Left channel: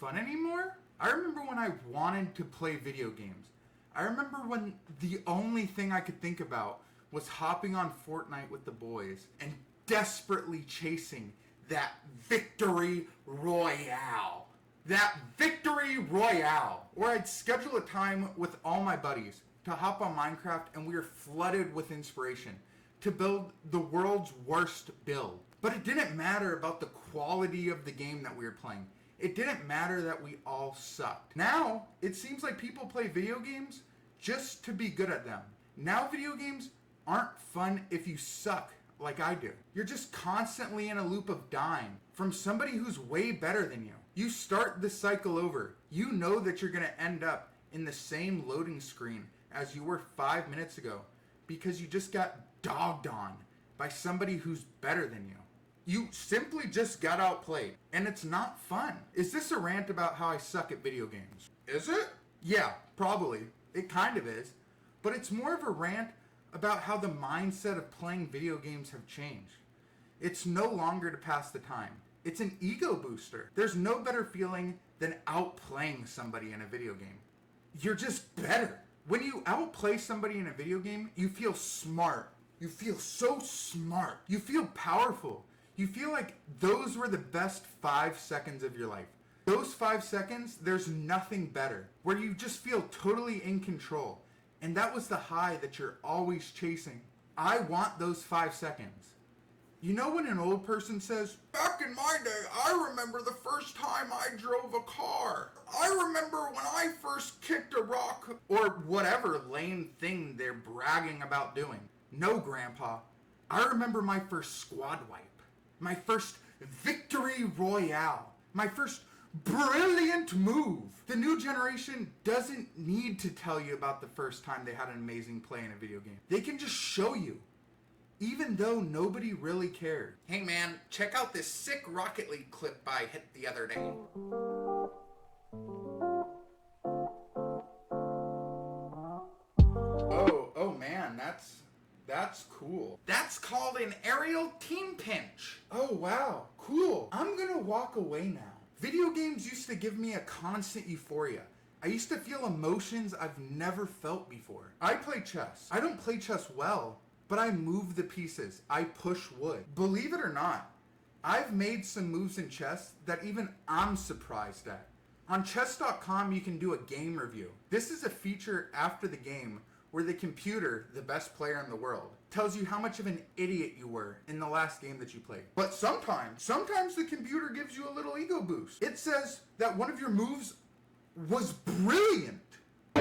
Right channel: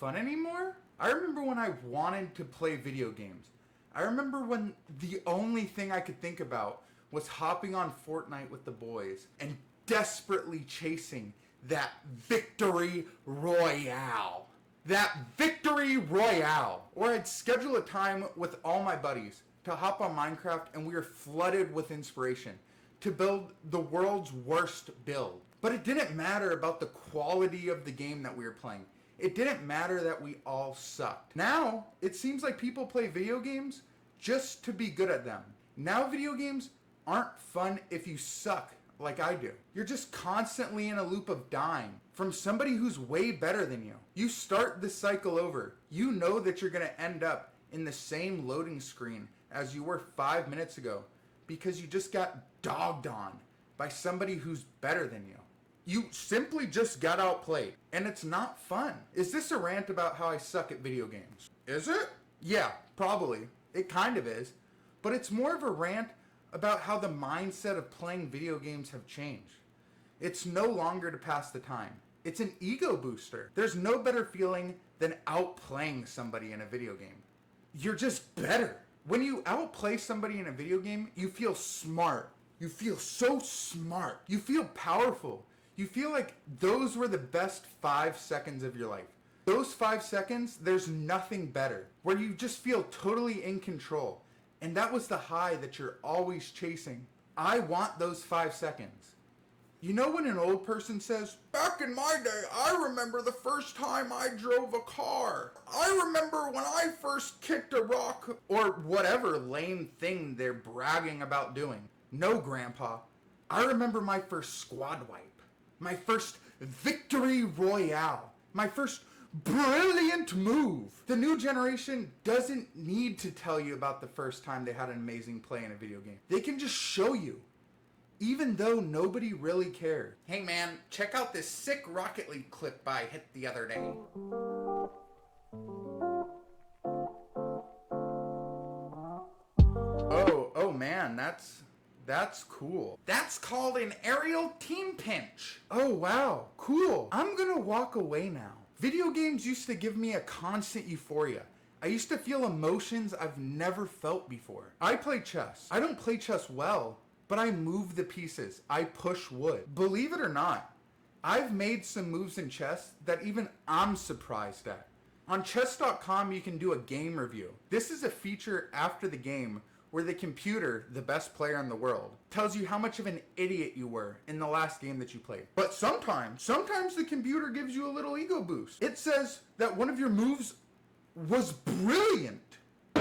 fun anymore? I remember when I wanted to play video games. I remember when the only thing I could think about was hopping on Fortnite with the boys and desperately chasing that Victory Royale. That Victory Royale. Or I'd schedule a time with all my buddies to hop on Minecraft, and we were flooded with inspiration to build the world's worst build. But it didn't matter about the quality of the game that we were playing. It didn't matter that we all sucked. Now, it seems like people play video games just to be good at them. Now video games aren't fun if you suck like I do. You're just constantly in a loop of dying from somebody who's way better than you. You start this cycle over. You know that you're going to end up in the same loading screen as you were 5 minutes ago because you just got dogged on by somebody who's better than you. You simply just got outplayed, and it's not fun. Is this a rant about how I suck at video games? Is it? Yeah, probably. It kind of is. But it's more of a rant about how the mindset of playing video games have changed. It's no longer to pass the time. It's an ego booster. There's no better feeling than outplaying somebody in a video game. You're just better. When you outplay somebody in a video game, you feel smart. You feel so smart. You feel powerful. You feel like those were the best 5 seconds of your life. Those 5 seconds, there's nothing better. Where you just feel totally in control. And that was the high that you're always chasing. I want those 5 seconds. You know when an old person says, "Back in my day, I remember the first time I drove a car. I remember when I first kicked a rock," or whatever lame thing they're bragging about doing. No, Grandpa. I remember my first squad wipe. My first Victory Royale. My first brilliant move. The new generation doesn't need to tell you about the first time they had an amazing play in a video game. They can just show you. Even though nobody really cared. Hey man, check out this sick Rocket League clip I hit the other day. Oh man, that's cool. That's called an aerial team pinch. Oh wow, cool. I'm gonna walk away now. Video games used to give me a constant euphoria. I used to feel emotions I've never felt before. I play chess. I don't play chess well, but I move the pieces. I push wood. Believe it or not, I've made some moves in chess that even I'm surprised at. On chess.com, you can do a game review. This is a feature after the game where the computer, the best player in the world, tells you how much of an idiot you were in the last game that you played. But sometimes the computer gives you a little ego boost. It says that one of your moves was brilliant. The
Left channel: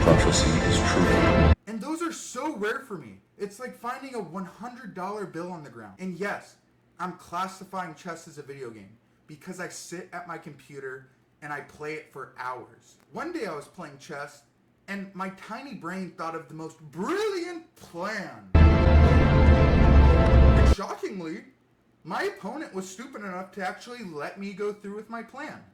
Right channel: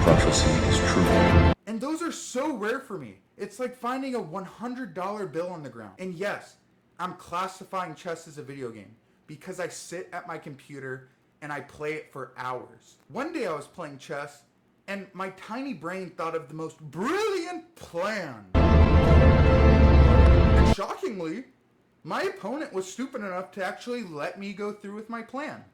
prophecy is true. And those are so rare for me. It's like finding a $100 bill on the ground. And yes, I'm classifying chess as a video game because I sit at my computer and I play it for hours. One day I was playing chess and my tiny brain thought of the most brilliant plan. And shockingly, my opponent was stupid enough to actually let me go through with my plan.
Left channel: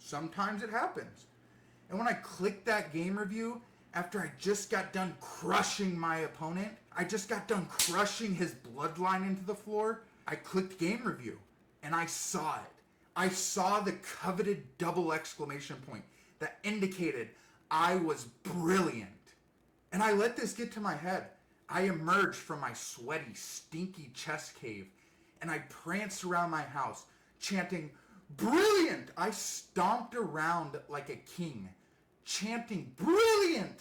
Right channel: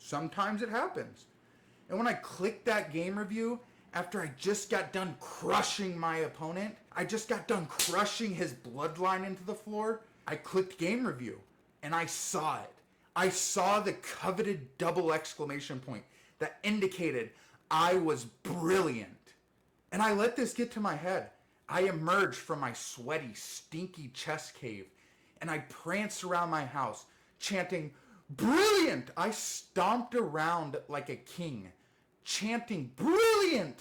Sometimes it happens. And when I clicked that game review, after I just got done crushing my opponent, I just got done crushing his bloodline into the floor, I clicked game review, and I saw it. I saw the coveted double exclamation point that indicated I was brilliant. And I let this get to my head. I emerged from my sweaty, stinky chess cave, and I pranced around my house, chanting, "Brilliant!" I stomped around like a king, chanting, "Brilliant!"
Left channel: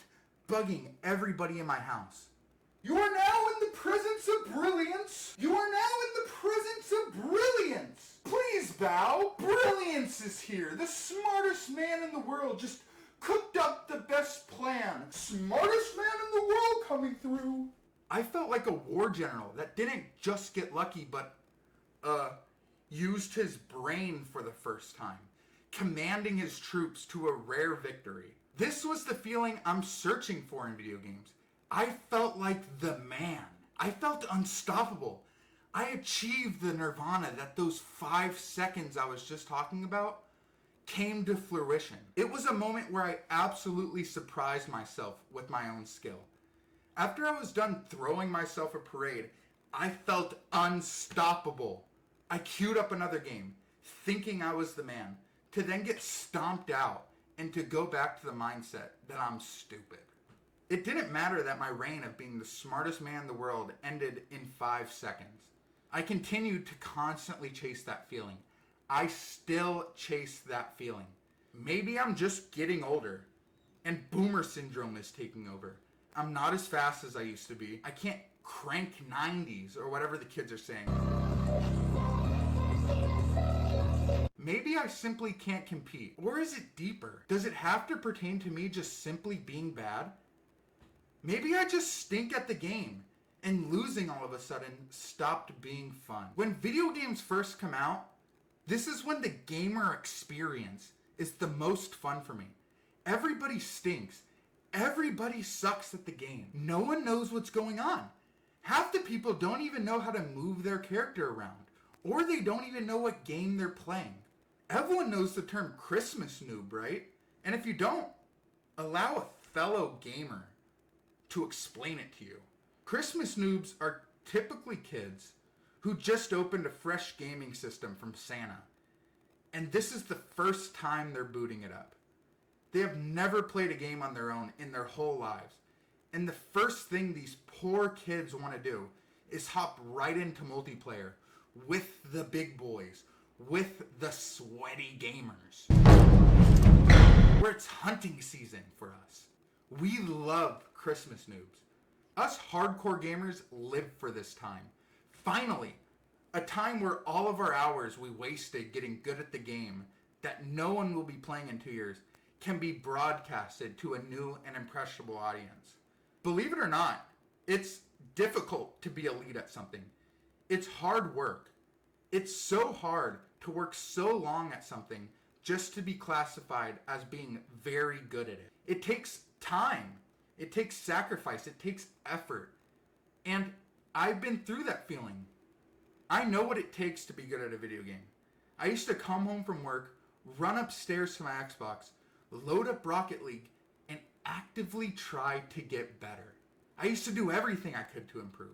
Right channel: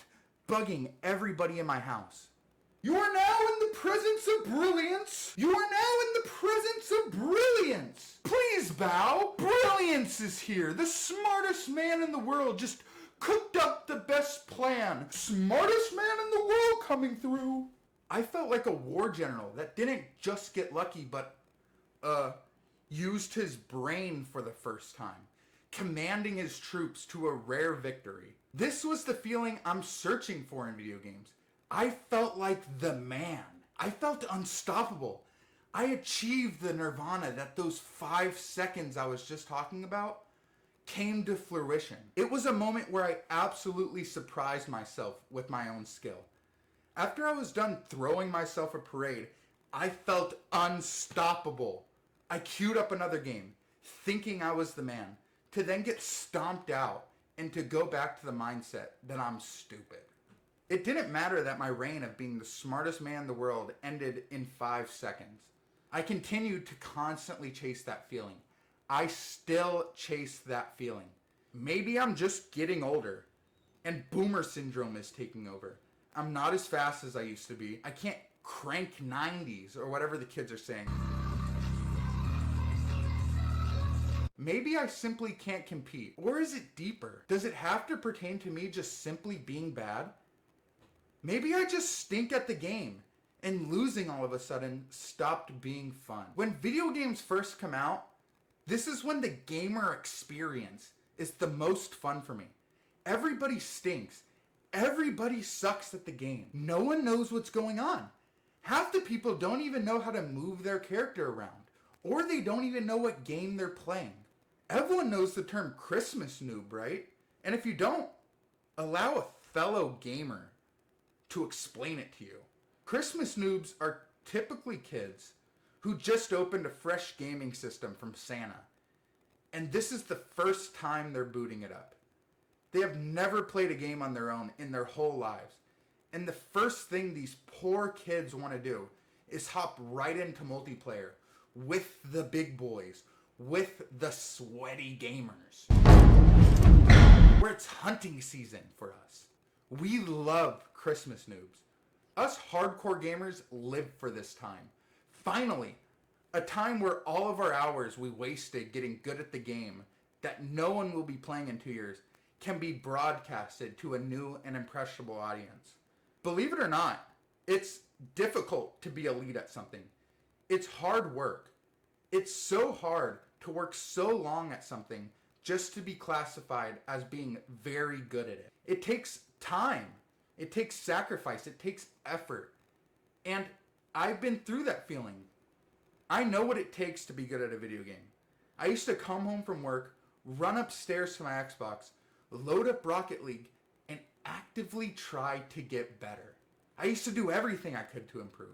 bugging everybody in my house. You are now in the presence of brilliance. You are now in the presence of brilliance. Please bow. Brilliance is here. The smartest man in the world just cooked up the best plan. Smartest man in the world coming through. I felt like a war general that didn't just get lucky, but, used his brain for the first time, commanding his troops to a rare victory. This was the feeling I'm searching for in video games. I felt like the man. I felt unstoppable. I achieved the nirvana that those 5 seconds I was just talking about came to fruition. It was a moment where I absolutely surprised myself with my own skill. After I was done throwing myself a parade, I felt unstoppable. I queued up another game, thinking I was the man, to then get stomped out and to go back to the mindset that I'm stupid. It didn't matter that my reign of being the smartest man in the world ended in 5 seconds. I continued to constantly chase that feeling. I still chase that feeling. Maybe I'm just getting older and boomer syndrome is taking over. I'm not as fast as I used to be. I can't crank 90s or whatever the kids are saying. Maybe I simply can't compete. Or is it deeper? Does it have to pertain to me just simply being bad? Maybe I just stink at the game and losing all of a sudden stopped being fun. When video games first come out, this is when the gamer experience is the most fun for me. Everybody stinks. Everybody sucks at the game. No one knows what's going on. Half the people don't even know how to move their character around. Or they don't even know what game they're playing. Everyone knows the term Christmas noob, right? And if you don't, allow a fellow gamer to explain it to you. Christmas noobs are typically kids who just opened a fresh gaming system from Santa. And this is the first time they're booting it up. They have never played a game on their own in their whole lives. And the first thing these poor kids want to do is hop right into multiplayer with the big boys, with the sweaty gamers. Where it's hunting season for us. We love Christmas noobs. Us hardcore gamers live for this time. Finally, a time where all of our hours we wasted getting good at the game that no one will be playing in 2 years can be broadcasted to a new and impressionable audience. Believe it or not, it's difficult to be elite at something. It's hard work. It's so hard to work so long at something just to be classified as being very good at it. It takes time. It takes sacrifice. It takes effort. And I've been through that feeling. I know what it takes to be good at a video game. I used to come home from work, run upstairs to my Xbox, load up Rocket League, and actively try to get better. I used to do everything I could to improve.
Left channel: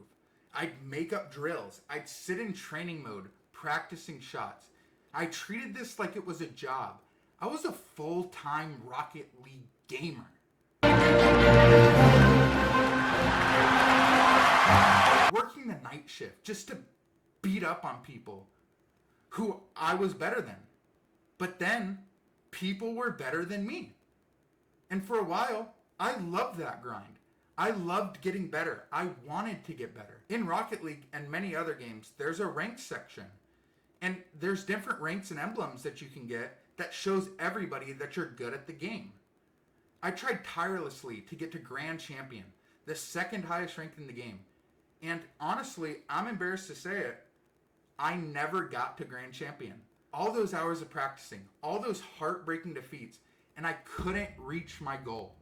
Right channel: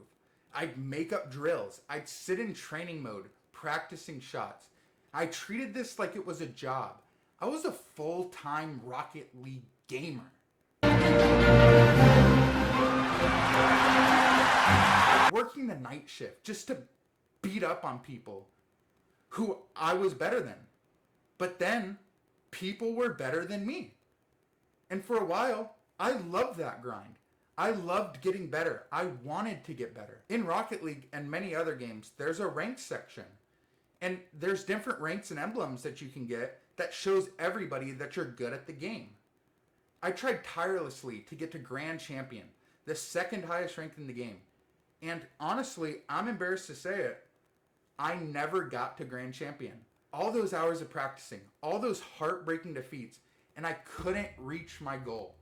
I'd make up drills. I'd sit in training mode, practicing shots. I treated this like it was a job. I was a full-time Rocket League gamer. Working the night shift just to beat up on people who I was better than. But then, people were better than me. And for a while, I loved that grind. I loved getting better. I wanted to get better. In Rocket League and many other games, there's a ranked section. And there's different ranks and emblems that you can get that shows everybody that you're good at the game. I tried tirelessly to get to Grand Champion, the second highest rank in the game. And honestly, I'm embarrassed to say it, I never got to Grand Champion. All those hours of practicing, all those heartbreaking defeats, and I couldn't reach my goal.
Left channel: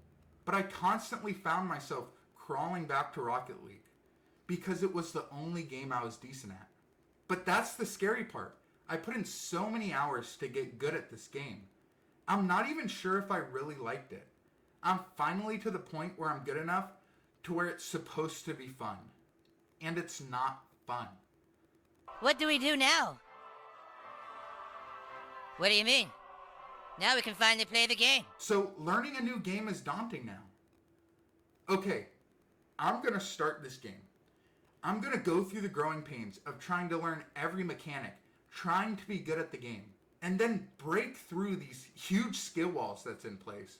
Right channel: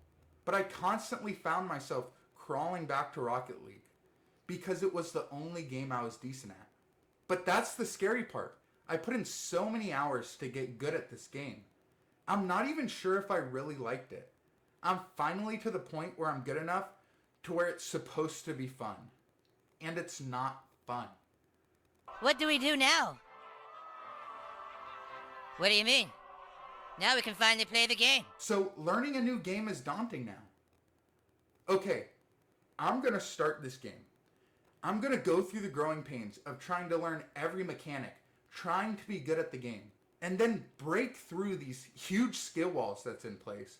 But I constantly found myself crawling back to Rocket League because it was the only game I was decent at. But that's the scary part. I put in so many hours to get good at this game. I'm not even sure if I really liked it. I'm finally to the point where I'm good enough to where it's supposed to be fun. And it's not fun. What do we do now? What do you mean? Now we can finally play the game. So learning a new game is daunting now. Okay, I'm gonna start this game. I'm gonna go through the growing pains of trying to learn every mechanic, trying to be good at the game, and then break through these huge skill walls that's in place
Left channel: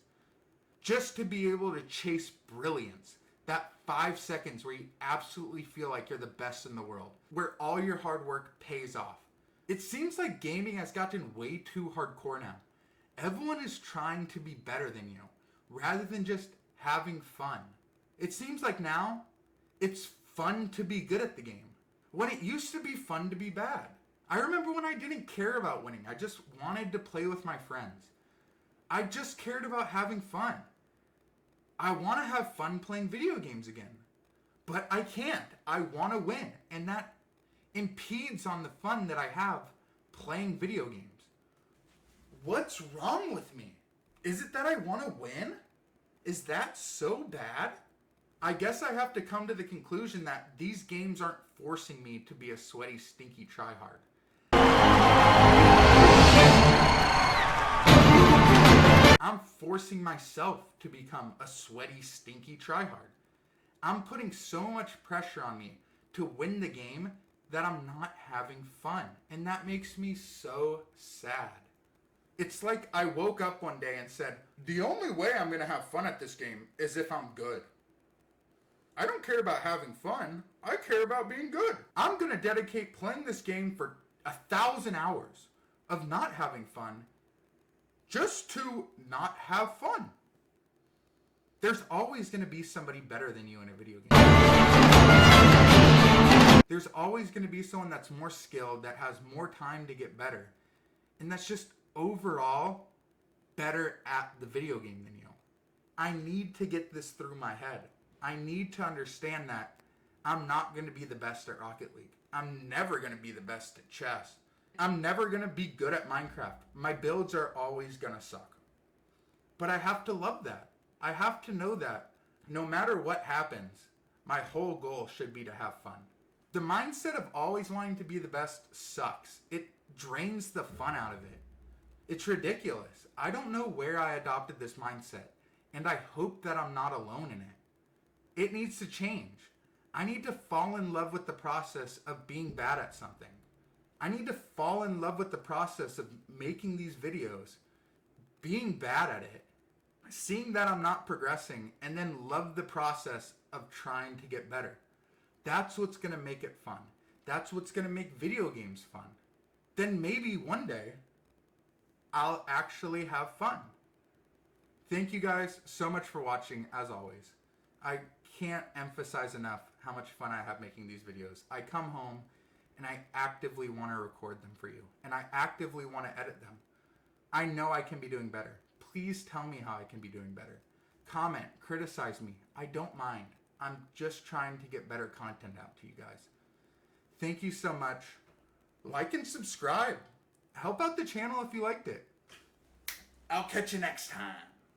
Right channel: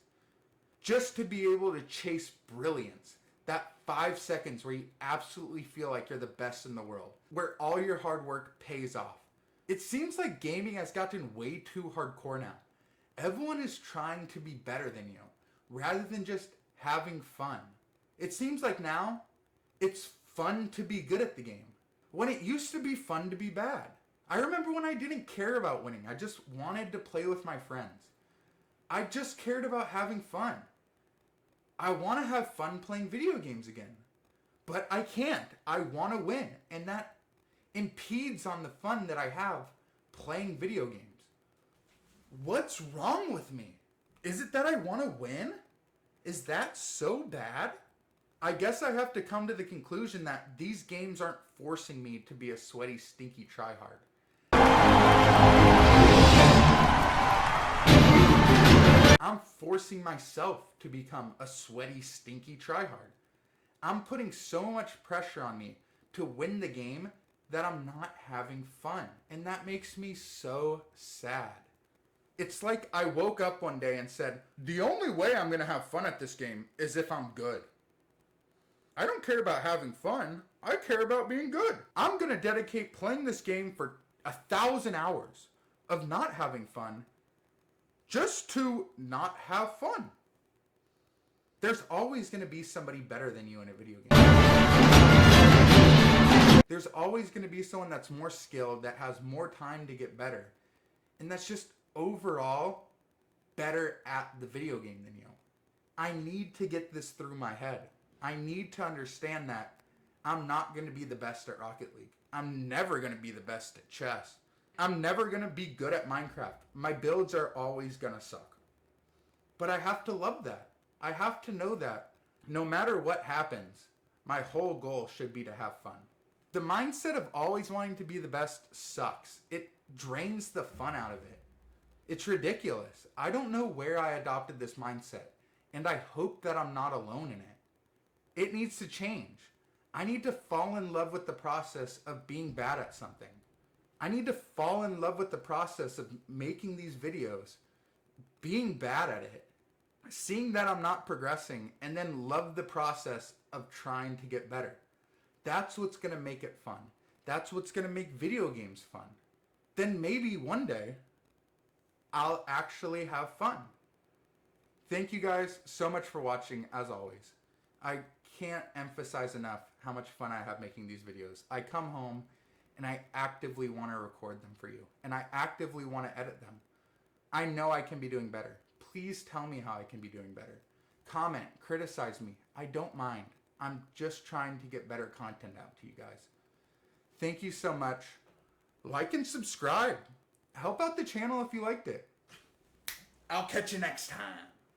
just to be able to chase brilliance. That 5 seconds where you absolutely feel like you're the best in the world, where all your hard work pays off. It seems like gaming has gotten way too hardcore now. Everyone is trying to be better than you, rather than just having fun. It seems like now, it's fun to be good at the game, when it used to be fun to be bad. I remember when I didn't care about winning. I just wanted to play with my friends. I just cared about having fun. I want to have fun playing video games again. But I can't. I want to win. And that impedes on the fun that I have playing video games. What's wrong with me? Is it that I want to win? Is that so bad? I guess I have to come to the conclusion that these games aren't forcing me to be a sweaty, stinky tryhard. I'm forcing myself to become a sweaty, stinky tryhard. I'm putting so much pressure on me to win the game that I'm not having fun. And that makes me so sad. It's like I woke up one day and said, the only way I'm going to have fun at this game is if I'm good. I don't care about having fun. I care about being good. I'm going to dedicate playing this game for 1,000 hours of not having fun just to not have fun. There's always going to be somebody better than you in a video game. There's always going to be someone that's more skilled, that has more time to get better. And that's just overall better at the video game than you. I need to get this through my head. I need to understand that I'm not going to be the best at Rocket League. I'm never going to be the best at chess. I'm never going to be good at Minecraft. My builds are always going to suck. But I have to love that. I have to know that no matter what happens, my whole goal should be to have fun. The mindset of always wanting to be the best sucks. It drains the fun out of it. It's ridiculous. I don't know where I adopted this mindset, and I hope that I'm not alone in it. It needs to change. I need to fall in love with the process of being bad at something. I need to fall in love with the process of making these videos, being bad at it, seeing that I'm not progressing, and then love the process of trying to get better. That's what's going to make it fun. That's what's going to make video games fun. Then maybe one day, I'll actually have fun. Thank you guys so much for watching, as always. I can't emphasize enough how much fun I have making these videos. I come home and I actively want to record them for you. And I actively want to edit them. I know I can be doing better. Please tell me how I can be doing better. Comment, criticize me. I don't mind. I'm just trying to get better content out to you guys. Thank you so much. Like and subscribe. Help out the channel if you liked it. I'll catch you next time.